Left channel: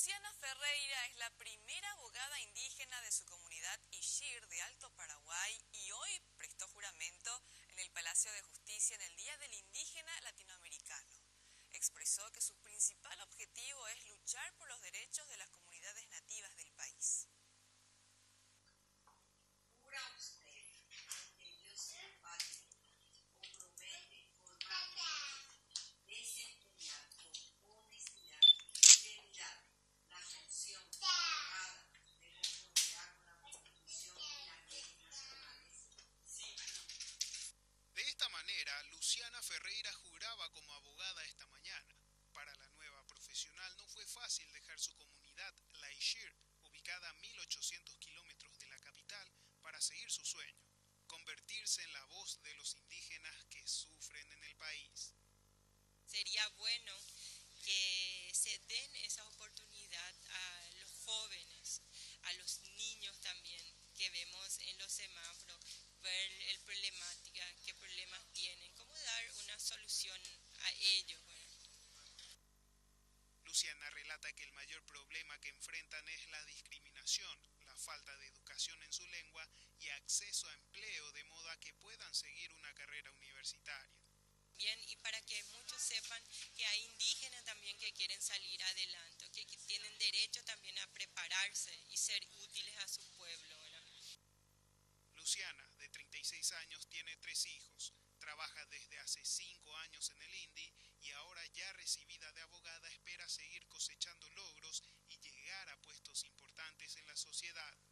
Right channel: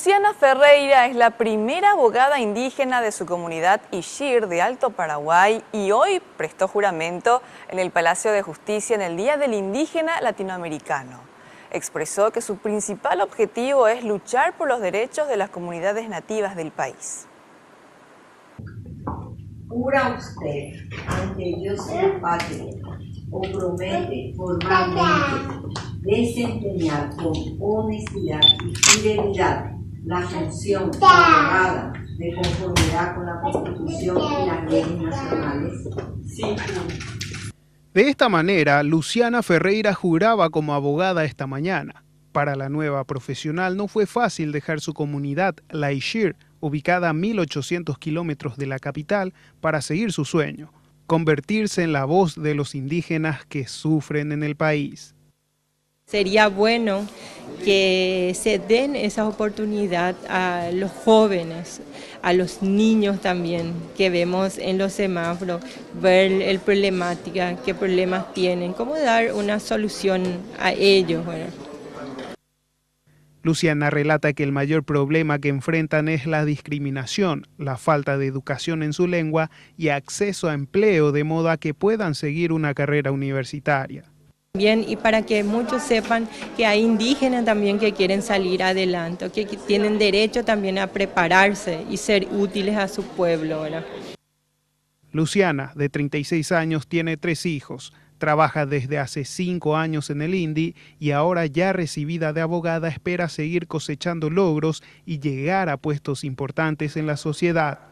Luciana Ferreira es la primera abogada indígena de su comunidad Ixir de Alto Paraguay y hoy prestó juramento en el Palacio de Justicia en el Día del Indígena Latinoamericano. Expresó que su principal objetivo es luchar por los derechos de las comunidades nativas del país. ¿Jura usted ante Dios y la patria o promete formalmente desempeñar con honestidad y fidelidad la función de abogada de conformidad con la Constitución y las leyes nacionales? Sí. De esta manera, Luciana Ferreira juraba como abogada esta mañana. Para la nueva profesional no fue fácil dejar su comunidad, la Ixir, ubicada a 1.800 kilómetros de la capital, para seguir su sueño, convertirse en la voz de los indígenas que sufren en el país. Sería bueno que se den esa oportunidad a los jóvenes, a los niños también, que vemos en los semáforos, ver el problemática, qué problemas tienen, cómo dar una solución a ellos. Bueno. Luciana relata que el mayor problema que enfrentan es la discriminación, la falta de educación en su lengua y acceso a empleo de modo a que puedan seguir una carrera universitaria. Bien, y para que muchos sepan que hay indígenas también que quieren salir adelante, que tienen derecho también a prepararse y ser útiles a su pueblo, ¿verdad? Luciana, de 36 años, tiene 3 hijos. Trabaja desde hace 5 años en el INDI y ahora ya recibida de abogada espera seguir cosechando logros y llegar a puestos importantes en la sociedad.